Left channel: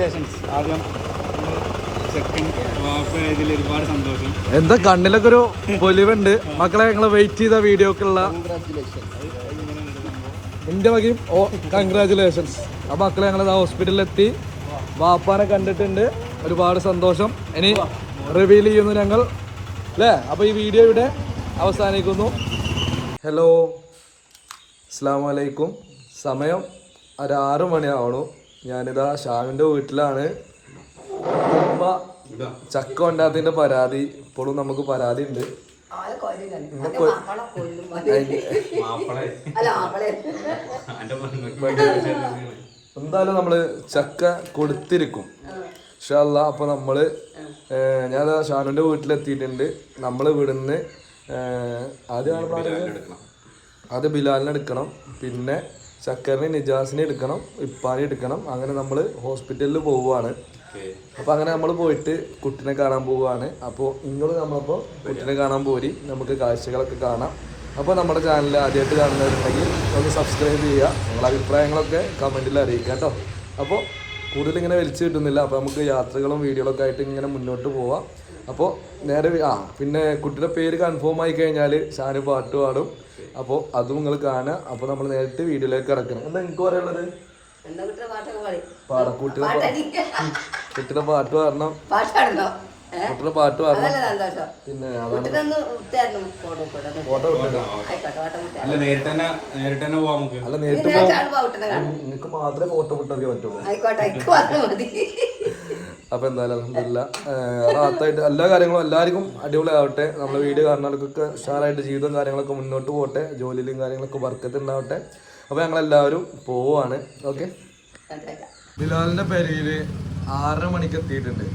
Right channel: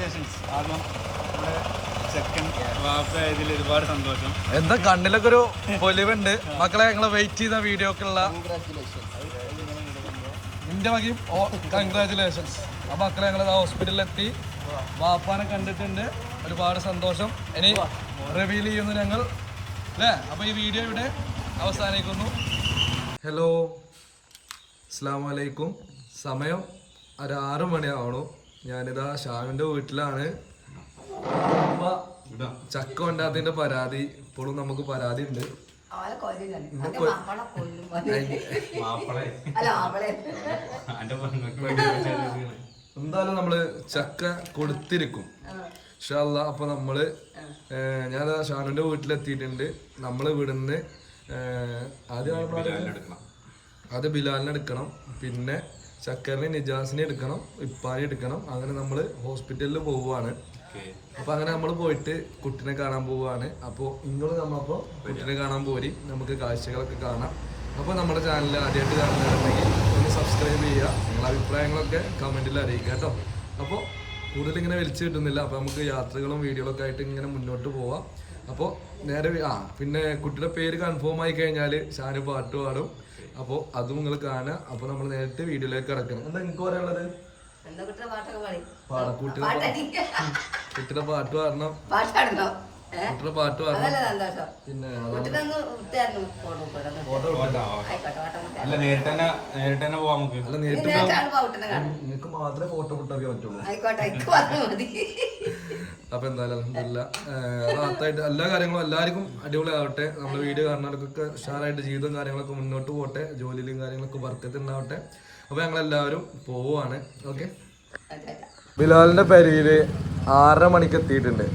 Congratulations ആദ്യം എന്താ കണ്ണിലൊക്കെ ഒരു പൊലിവുണ്ട്. മക്കളെ ഞങ്ങൾ വെയിറ്റ് ചെയ്ത വീഡിയോക്കുള്ള എന്റെ വകയും ഓ കൺഗ്രാറ്റുലേഷൻസ് ആ മക്കളെ ഞങ്ങൾ ഹോസ്പിറ്റലിൽ എത്തി വാപ്പാനെ കണ്ടിട്ടുണ്ട്. ഒരുപാട് സന്തോഷം. ഇനി റിവീൽ ചെയ്യുന്നു ഞങ്ങൾ. അല്ലേ അപ്പൊ ഈ വീഡിയോ ഇവിടെ അവസാനിക്കുന്നു. ഹലോ അസ്സാം വലൈക്കും സമയം ഒരു ആറ് മണിയാവണു. ഞാനിതാ ഷാമിന്റെ വീട്ടിലാണ്. ഉമ്മ ചക്ക ഉണ്ടാത്തതിന്റെ പരാതി ഇപ്പോഴും നമുക്ക് പരാതി ഉണ്ട്. അല്ല എന്തായാലും നമ്മൾ ചക്ക കൊടുത്തിരിക്കും. ഇൻഷാല്ല അപ്പൊ നമ്മൾ ഞാൻ ഷാനുന്റെ ഷാനുവിന്റെ വീട്ടിലെത്തിയിട്ടുണ്ട്. നമ്മൾ ഇവിടുന്ന് ആദ്യം ആദ്യം ബിലാലിനെ എടുക്കണം. പിന്നെ ചക്കറിനെ നിജാസിനെ എടുക്കണം ഇപ്പാനെ എടുക്കണം. അങ്ങനെ നമ്മൾ ഹോസ്പിറ്റലിൽ പോവുകയാണ് അപ്പൊ അങ്ങനെ നമ്മൾ പോയിട്ട് കുട്ടിനെ കാണാൻ പോവുകയാണ് അപ്പോൾ നിങ്ങൾ നമ്മളപ്പോൾ കുട്ടിനെ കാണാൻ പോരി. നമുക്ക് കാഴ്ചകളൊക്കെ കാണാം. അപ്പോൾ നമ്മുടെ ചാനൽ ആദ്യമായിട്ട് കാണുന്നവരുണ്ടെങ്കിൽ ഒന്ന് സബ്സ്ക്രൈബ് ചെയ്യുക. നിങ്ങളുടെ അഭിപ്രായങ്ങളൊക്കെ കമന്റിൽ അറിയിക്കുക കേട്ടോ അപ്പോൾ കൂടുതൽ ഇങ്ങനെ വലിച്ചു കിട്ടുന്നില്ല. അപ്പോൾ നമുക്ക് യാത്രകളും വീഡിയോകളൊക്കെ ആയിട്ട് ഇങ്ങനെ മുന്നോട്ട് പോവാം. അപ്പോൾ നേരെ ആ പിന്നെ കുട്ടിയുടെ പേര് കൺഫേം ആയി കഴിഞ്ഞാൽ ഷാന് പാട്ട് പാടും. അപ്പോൾ അതും നിങ്ങൾ കാണുക. അപ്പോൾ നമ്മൾ നേരിട്ട് വീഡിയോയിലേക്ക് കിടക്കണം. എന്താ എനിക്ക് പറയാനുള്ളത്? എന്നെ കുട്ടിയുടെ പാട്ട് പാടണം. കുട്ടിയുടെ പാട്ട് പാടണം. പിന്നെ ഫോട്ടോ അല്ല നേരിട്ട് തന്നെ നേരിട്ട് തന്നെ പോവാം നമുക്ക്. അല്ല നേരിട്ട് നിങ്ങൾക്ക് മാത്രമേ ഫോട്ടോ വിട്ടൊക്കെ പറ്റുള്ളൂ ആയിക്കോട്ടെ എനിക്ക് പറഞ്ഞാൽ മതി അപ്പൊ എന്തായാലും അലഹമില്ല റാത്തായിട്ട് എല്ലാ കാര്യങ്ങളും എല്ലാവർക്കും അടിപൊളിയാവട്ടെ. ആവട്ടെ വീട് കാണുന്നവർക്കൊക്കെ ഉഷാറായിട്ട് ജീവിതവും കാര്യങ്ങളൊക്കെ മുന്നോട്ട് പോകട്ടെ. ജോലിയിലും കാര്യങ്ങളൊക്കെ വർക്കത്ത് ഉണ്ടാവട്ടെ അപ്പൊ ഞങ്ങൾ എല്ലാവരും പോവാണ്. ഓക്കെ. ബിലാലിന്റെ പെരയിൽ ആറര മണിക്ക് എത്തിയിട്ടുണ്ട്.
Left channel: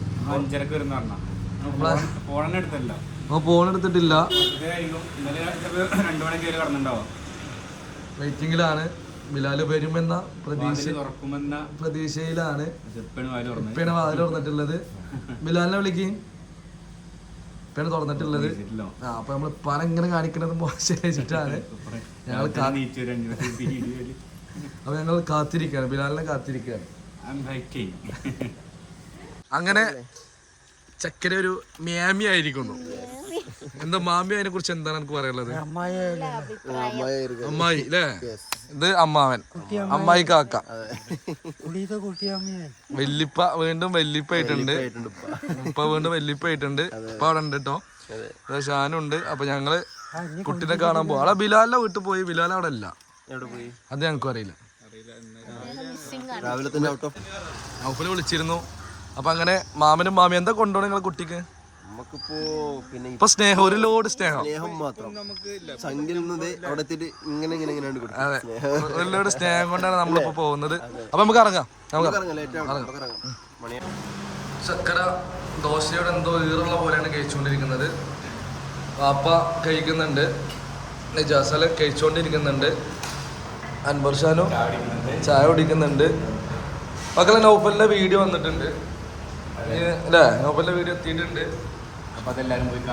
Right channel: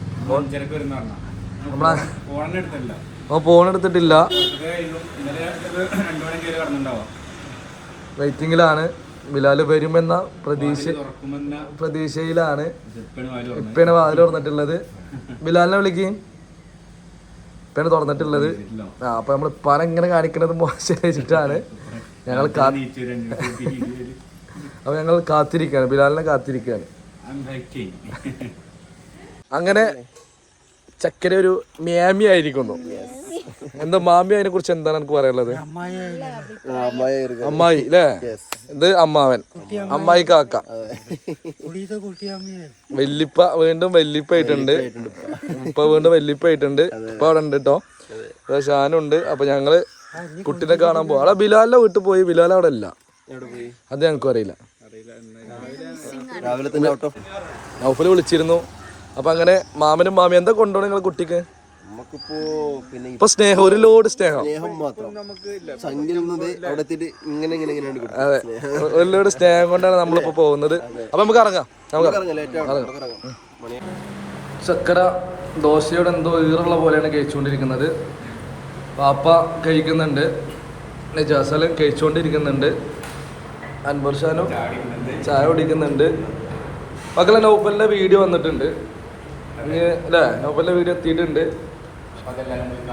അപ്പൊ ഫോൺ എടുത്തിട്ടില്ല. വെയിറ്റിംഗിലാണ് ബിലാൽ വരുമെന്ന പ്രതീക്ഷ പ്രതീക്ഷയിലാണ് ഇപ്പയാണ് വാതിൽ തുറന്നിട്ടുള്ളത്. ബിലാലിനെ വിളിക്കും. ഇപ്പയാണ് തുറന്നിട്ടുള്ളത്. ആ അപ്പൊ നമ്മൾ പല ഇങ്ങനെ കാണിക്കുന്നത് മോശമായിട്ടാണ്. ഞങ്ങൾ അപ്പൊ ഞങ്ങൾ കാത്തിരിക്കാണ്. ബിലാലിനെ കാത്തിരിക്കാണ്. I'm hiking. അങ്ങനെ ചക്കര ഒരു മേമി ആയിരിക്കുന്നു. എന്താ മാമി അതിനെ കുറിച്ച് എന്താണ് എനിക്ക് പറയാനുള്ളത്? അമ്മായി അല്ലേ ഇത് അമ്മാവൻ. അമ്മായി കാക്ക. വല്ലിപ്പ വീണ്ടും വല്ലിപ്പ ആയിട്ടുണ്ട്. ഇപ്പൊ വീണ്ടും വല്ലിപ്പ ആയിട്ടുണ്ട്. ഇപ്പൊ അവിടെ ഉണ്ട് കേട്ടോ ഷാനുണ്ട്. അപ്പൊ ഞങ്ങൾ കുട്ടിനെ കാണാൻ പോവാ. അവിടെ ബിലാലിന്റെ വീട്ടിൽ പോയി. ബിലാൽ അവിടെ ഇല്ല. അത് ഞങ്ങൾക്കും അറിയില്ല. രാവിലെ തന്നെ ഔട്ട് ഓഫ് നൗഫൽ വിളിച്ചിരുന്നു. അപ്പൊ അങ്ങനെ മാമനും മാമിയും എന്താ കൊണ്ടുപോകണം നിങ്ങളെ കുട്ടിക്ക്? നമുക്കിപ്പോ പിന്നെ ഇപ്പൊ സ്നേഹം ഒരു ലോഡ് സ്നേഹം. സ്നേഹം മാത്രം. സംഖ്യയിൽ നിന്ന് അവിടെ എത്തിയിട്ട് ഇങ്ങനെ ഇങ്ങനെ ഇങ്ങനെ കിട്ടും. അതെ. ഒരു ലോഡ് സ്നേഹം കൊണ്ടാണ് നമ്മളിപ്പോ പോകുന്നത്. അപ്പൊ നമുക്ക് ഇറങ്ങാം. നമുക്ക് ഇറങ്ങാം. ഇറങ്ങാം, ആവും, നമുക്ക് ഇറങ്ങാം. മണി ചക്കര ദോശയുടെ എന്തോ ഈറുള്ള പോലെയാണ് കഴിച്ചുകൊണ്ടിരിക്കുന്നത്. പാപ്പ കഴിക്കുന്നുണ്ട്. ജസലും കഴിച്ചുകൊണ്ടിരിക്കുന്നുണ്ട്. അൻവർ ഷാനും ചായ കുടിക്കുന്നുണ്ട്. മക്കളെ നോപ്പലിന്റെ വീഡിയോ വന്നിട്ടുണ്ട്. അല്ലേ നോപ്പലിന്റെ വീഡിയോ എത്തിയിട്ടുണ്ട്. പോയി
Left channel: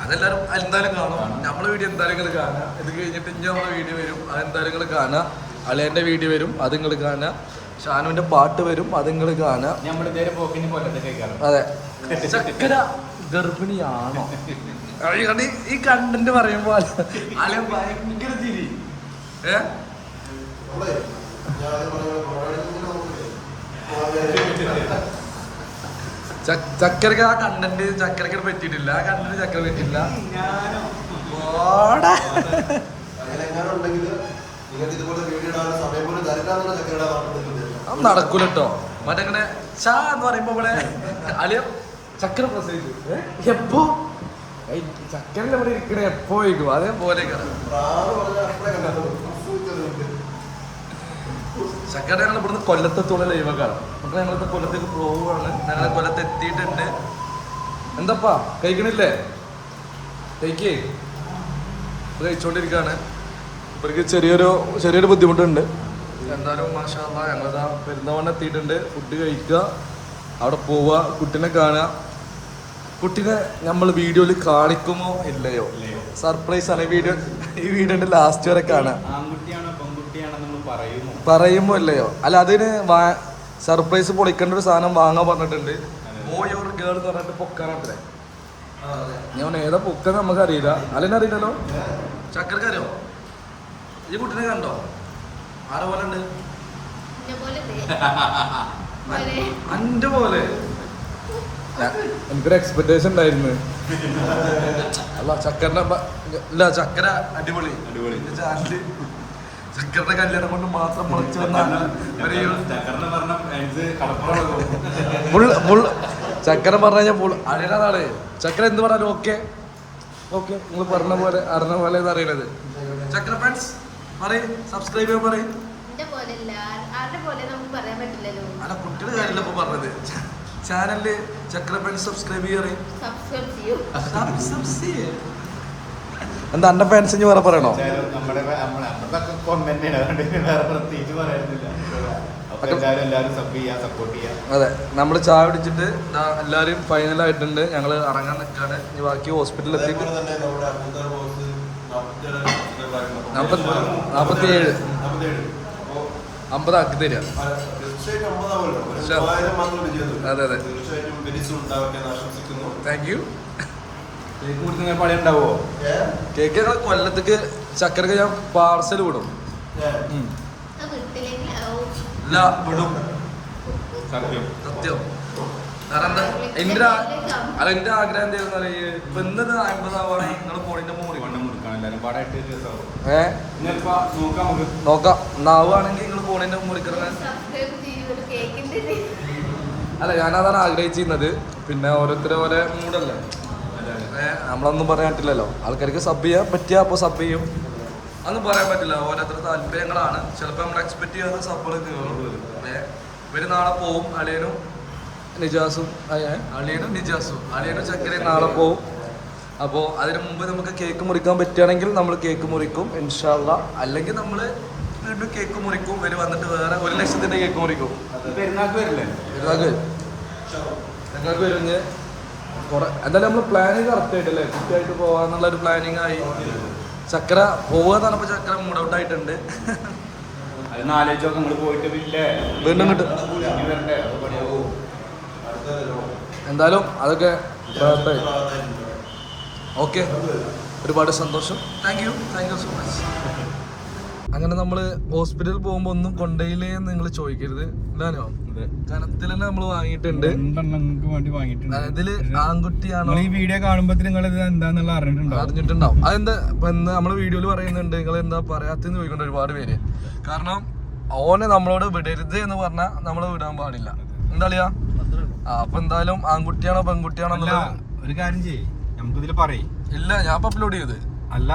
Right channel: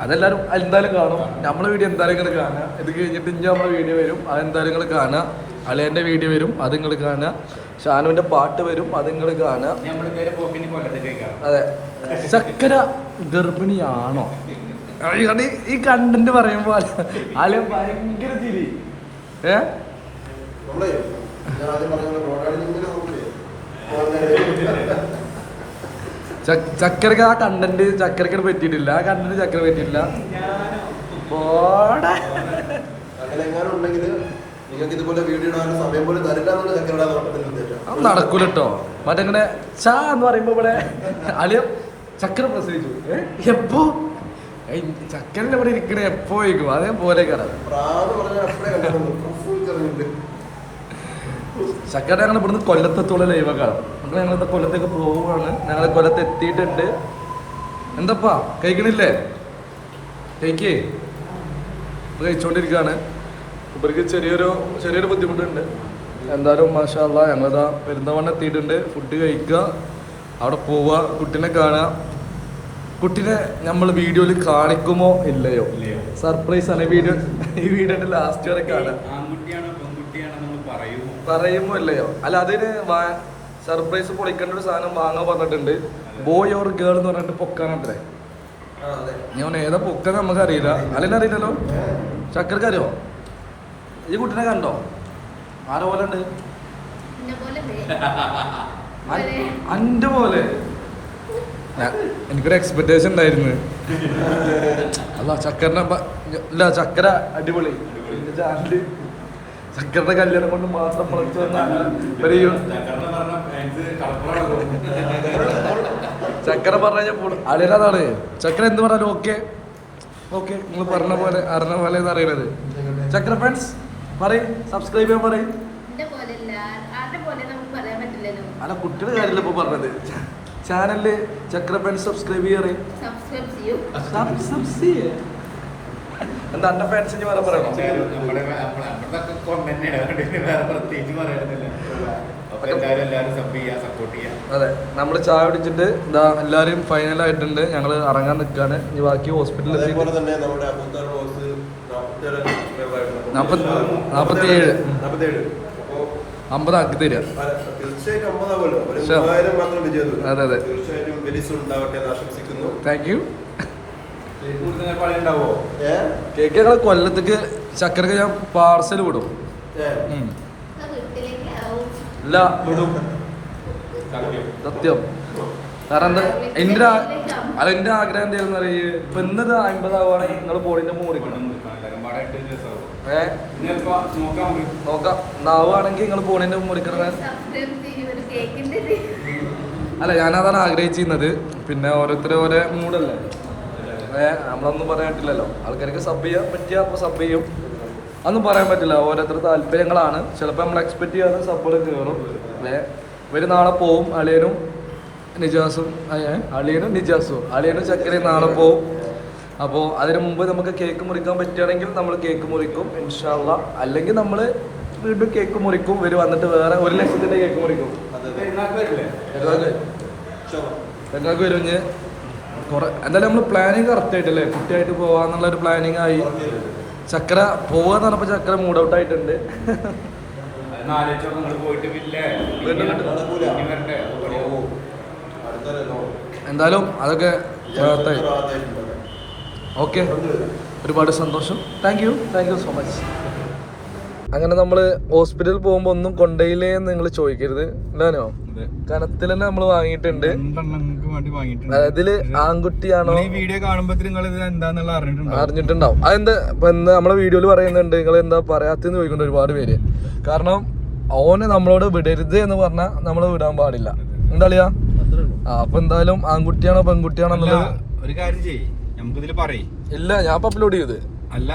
അതെല്ലാരും എന്തായാലും കാണും. നമ്മളെ വീഡിയോ എന്തായാലും കാണുക ഇത് കഴിഞ്ഞിട്ട് ഇനി നമ്മളെ വീഡിയോ വരും. അതെന്തായാലും നിങ്ങൾ കാണുക. അളിയന്റെ വീഡിയോ വരും. അത് നിങ്ങൾ കാണുക. ഷാനുവിന്റെ പാട്ട് വരും. അത് നിങ്ങൾ കാണുക. അതെ. ചക്കര ഗർഭിണിയാണോ? അയാൾ ഈ കണ്ടന്റ് പറയുമ്പോൾ അല്ലെ ഭയങ്കര ചിരി. ഏ? ച- ചക്കരക്ക് ആ കണ്ടന്റ് ചക്കരക്ക് പറ്റിയിട്ടില്ല. ആ കണ്ടന്റ് ചക്കര പറ്റിയിട്ടില്ല. ഓടാ പോലും ഇങ്ങനെ ചാ എന്ന് പറയുമ്പോ ഇവിടെ അല്ലെ ചക്കര പ്രസവിച്ചു എപ്പോ? ചക്കരന്റെ ഇവിടെ ഇരിക്കണേ എപ്പോ ഇരിക്കും അതേപോലെ കാണാം ചക്കര ഞങ്ങൾ ഇവിടുന്ന് കൊല്ലത്തോളം കാണാം ഞങ്ങൾ കൊല്ലത്ത് എത്തിയിട്ടുണ്ട് എന്തപ്പാ കഴിക്കണില്ലേ കഴിക്കേ കഴിച്ചോണ്ടിരിക്കുകയാണ് ഇവർക്ക് ചെറിയൊരു ചെറിയൊരു ബുദ്ധിമുട്ടുണ്ട്. എന്തായാലും മാഷാള്ള ഞങ്ങളതാ പെരുന്തമണ്ണ എത്തിയിട്ടുണ്ട് ഫുഡ് കഴിക്കുക അവിടെ പോവുക കുട്ടിനെ കാണാം. കുട്ടിനെ നമ്മൾ വീഡിയോയിൽ കാണിക്കുമോ? ഇല്ലയോ? സർപ്രൈസ് ആണ്. വീഡിയോ ഈ വീഡിയോന്റെ ലാസ്റ്റ് വരെ കാണാം. പറയുമോ? പറയുമോ ഇല്ലയോ? അല്ല അതിന് വാ- സർപ്രൈസ് പൊളിക്കേണ്ട ഒരു സാധനം വാങ്ങാൻ പറഞ്ഞിട്ടുണ്ട്. ബോയ് ഓർ ഗേൾ എന്ന് പറഞ്ഞിട്ട് ചക്കരക്കറിയോ ഈ കുട്ടിനെ കണ്ടോ? ആരെ പോലെ ഉണ്ട്? അന്റെ പോലെ. എനിക്കൊരു എക്സ്പെക്ടേഷൻ ഉണ്ടായിരുന്നു. ചക്കര ചക്കര അടിപൊളി. ചാനൽ ചക്കരയുടെ കല്യാണം കൊണ്ട് മാത്രം മുളച്ചു വന്ന മുള്ള മുള്ള. ചക്കര പറഞ്ഞ പുൾ അടിയതാണ് ചക്കര എന്ത് പറഞ്ഞാലും ഓക്കെ. ചക്കര ഫ്രണ്ട്സ് പറയും. സബ്സ്ക്രൈബ് ചെയ്യാൻ പറയും. എന്റെ പോലെയല്ല ആരുടെ പോലെ നമുക്ക് പറയാൻ പറ്റില്ലല്ലോ. അല്ല കുട്ടിയുടെ കാര്യമില്ല ഇപ്പൊ പറഞ്ഞത്. ചാനലിൽ ചക്ര ഫ്രണ്ട്സ് സബ്സ്ക്രൈബ് ചെയ്യാറ് സബ്സ്ക്രൈബ് ചെയ്യൂ. എന്താ അന്റെ ഫാൻസ് വേറെ പറയണോ? പ്രത്യേകിച്ച് പറയണമെന്നില്ല അതെ നമ്മൾ ചായ കുടിച്ചിട്ട് ഇതാ എല്ലാവരും ഫൈനൽ ആയിട്ടുണ്ട്. ഞങ്ങൾ ഇറങ്ങാൻ നിൽക്കാണ് ഇനി ബാക്കി ഹോസ്പിറ്റലിൽ എത്തിയിട്ട്? കേക്ക് ഞങ്ങൾ കൊല്ലത്തേക്ക് ചക്കരക്ക് ഞാൻ പാർസൽ കൊടുക്കും. വീട്ടിലേക്ക് ഇല്ല വിടും. സത്യം. കാരണം എന്താ എന്റെ എന്റെ ആഗ്രഹം എന്തായിരുന്നു ഇപ്പൊ ഇന്നൊരു അമ്പതാവാണെങ്കിൽ നിങ്ങൾ പോളിന്റെ ദിവസമാവും ഏഹ് നോക്കാം നിങ്ങൾ പോളിന്റെ അല്ല ഞാനതാണ് ആഗ്രഹിച്ചിരുന്നത്. പിന്നെ ഓരോരുത്തർ ഓരോ മൂടല്ലേ നമ്മളൊന്നും പറയാൻ പറ്റില്ലല്ലോ. ആൾക്കാർക്ക് സബ് ചെയ്യാൻ പറ്റിയ അപ്പോൾ സബ് ചെയ്യും. അതൊന്നും പറയാൻ പറ്റില്ല. ഓരോരുത്തരുടെ താല്പര്യങ്ങളാണ്. ചിലപ്പോൾ നമ്മൾ എക്സ്പെക്ട് ചെയ്യാതെ സപ്പോർട്ട് കയറും അല്ലേ? ഒരു നാളെ പോവും അളിയനും നിജാസും. അളിയനും നിജാസും. അളിയനും ചക്കരയും നാളെ പോവും. അപ്പോൾ അതിന് മുമ്പ് നമുക്ക് കേക്ക് മുറിക്കാൻ പറ്റുകയാണെങ്കിൽ നമ്മൾ കേക്ക് മുറിക്കും ഇൻഷാല്ല അല്ലെങ്കിൽ നമ്മൾ വീണ്ടും കേക്ക് മുറിക്കും. ഇവർ വന്നിട്ട് വേറെ ഒരു ലക്ഷത്തിന്റെ കേക്ക് മുറിക്കും. എന്തായാലും നമ്മൾ പ്ലാനിങ് കറക്റ്റ് ആയിട്ടില്ലേ? കൃത്യമായിട്ട് പോകാനുള്ളൊരു പ്ലാനിങ് ആയി. ചക്കര പോവാന്ന് പറഞ്ഞപ്പോ ചക്കര മൂഡ് ഔട്ട് ആയിട്ടുണ്ട്? എന്തായാലും അതൊക്കെ വിജയാനന്ദ റാഹത്തായിട്ടുണ്ടല്ലേ? ഓക്കെ. ഒരുപാട് സന്തോഷം. Thank you thank you so much അങ്ങനെ നമ്മൾ ഹോസ്പിറ്റലിൽ പോകുമ്പോൾ ഒന്നും കൊണ്ടയില്ലേ എന്ന് നിങ്ങൾ ചോദിക്കരുത്. എന്താണോ. കനത്തിൽ തന്നെ നമ്മൾ വാങ്ങിയിട്ടുണ്ട്. വേണ്ടി വാങ്ങിയിട്ടുണ്ട്. ഇതിൽ ആൺകുട്ടിയാണോ? ഈ വീഡിയോ കാണുമ്പോ നിങ്ങൾ എന്താന്നുള്ള അറിഞ്ഞിട്ടുണ്ടോ അറിഞ്ഞിട്ടുണ്ടാവും. അതെന്താ? എന്താ നമ്മളെ വീഡിയോയിൽ പറയുന്നുണ്ട്. നിങ്ങൾ എന്താ പറയാത്തെന്ന് ചോദിക്കേണ്ട ഒരുപാട് പേര്. കാരണം ഓന് നമ്മളോട് വിടരുത് എന്ന് പറഞ്ഞാൽ നമ്മൾ വിടാൻ പാടില്ല. എന്താ കളിയാ ആ അപ്പൊ എന്തായാലും ആൺകുട്ടിയാണോ പെൺകുട്ടിയാണോ എന്നുള്ളത് ഒരു കാര്യം ചെയ്യ്. പറയ്. ഇല്ല ഞാൻ അപ്ലോഡ് ചെയ്ത് അല്ല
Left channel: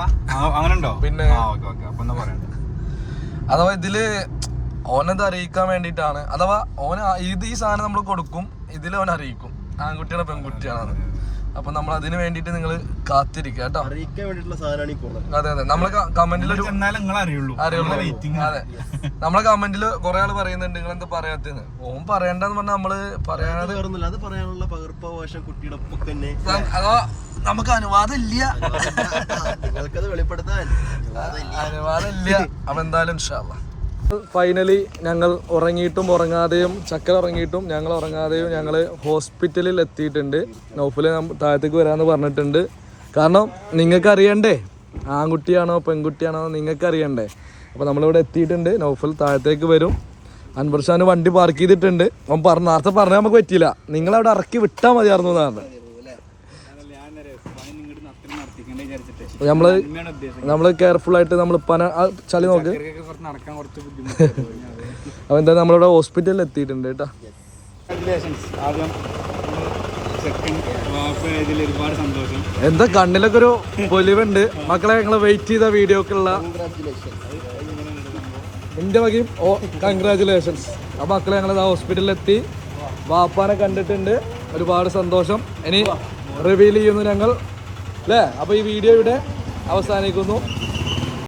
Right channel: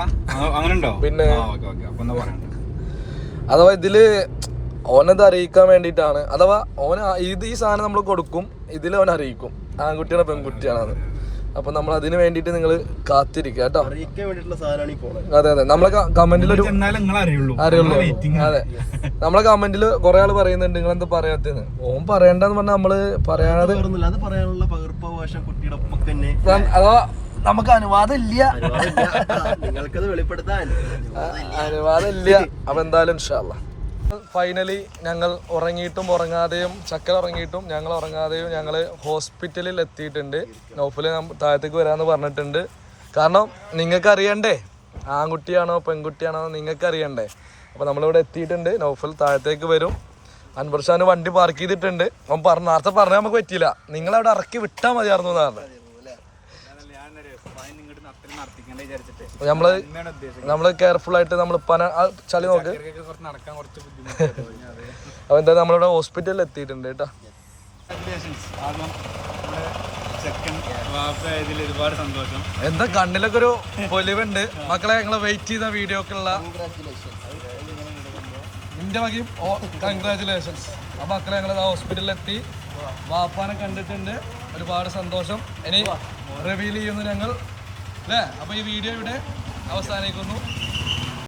അങ്ങനെ ഉണ്ടോ പിന്നെ. അഥവാ ഇതിൽ ഓനത് അറിയിക്കാൻ വേണ്ടിയിട്ടാണ്. അഥവാ ഓന് ഇത് ഈ സാധനം നമ്മൾ കൊടുക്കും ഇതിൽ ഓൻ അറിയിക്കും. ആൺകുട്ടിയാണ് പെൺകുട്ടിയാണത് അപ്പൊ നമ്മൾ അതിന് വേണ്ടിയിട്ട് നിങ്ങൾ കാത്തിരിക്കുക കേട്ടോ? അതെ അതെ. നമ്മളെ കമന്റിൽ ഒരു അറിയുള്ളൂ. അതെ. നമ്മളെ കമന്റിൽ കുറെ ആൾ പറയുന്നുണ്ട് നിങ്ങൾ എന്താ പറയാത്തത്? ഓൻ പറയണ്ടെന്ന് പറഞ്ഞാൽ നമ്മൾ പറയാതെ അഥവാ നമുക്ക് അനുവാദം ഇല്ല. അനുവാദം ഇല്ല. അപ്പൊ എന്തായാലും ഫൈനലി ഞങ്ങൾ ഉറങ്ങിയിട്ടും ഉറങ്ങാതെയും ചക്ക ഉറങ്ങിയിട്ടും ഞങ്ങൾ ഉറങ്ങാതെയും ഞങ്ങൾ ഹോസ്പിറ്റലിൽ എത്തിയിട്ടുണ്ട്. നോഫിൽ താഴത്തേക്ക് വരാമെന്ന് പറഞ്ഞിട്ടുണ്ട്. കാരണം നിങ്ങൾക്ക് അറിയണ്ടേ ആൺകുട്ടിയാണോ പെൺകുട്ടിയാണോ നിങ്ങൾക്ക് അറിയണ്ടേ അപ്പോൾ നമ്മളിവിടെ എത്തിയിട്ടുണ്ട്. നോഫൽ താഴത്തേക്ക് വരും. അൻപർഷാന് വണ്ടി പാർക്ക് ചെയ്തിട്ടുണ്ട്. അവൻ പറഞ്ഞ നേരത്തെ പറഞ്ഞാൽ നമുക്ക് പറ്റിയില്ല. നിങ്ങളവിടെ ഇറക്കി വിട്ടാൽ മതിയായിരുന്നു എന്നാണ്. നമ്മൾ നമ്മൾ കെയർഫുൾ ആയിട്ട് നമ്മൾ പന ചളി നോക്ക്. അപ്പൊ എന്താ നമ്മളിവിടെ ഹോസ്പിറ്റലിൽ എത്തിയിട്ടുണ്ട് കേട്ടോ. എന്താ കണ്ണിലൊക്കെ ഒരു പൊലിവുണ്ട്. മക്കളെ ഞങ്ങൾ വെയിറ്റ് ചെയ്ത വീഡിയോക്കുള്ള എന്റെ വകയും ഓ കൺഗ്രാചുലേഷൻസ് ആ മക്കളെ ഞങ്ങൾ ഹോസ്പിറ്റലിൽ എത്തി. വാപ്പാനെ കണ്ടിട്ടുണ്ട്. ഒരുപാട് സന്തോഷം. ഇനി റിവീൽ ചെയ്യുന്നു ഞങ്ങൾ. അല്ലേ അപ്പോൾ ഈ വീഡിയോ ഇവിടെ അവസാനിക്കുന്നു.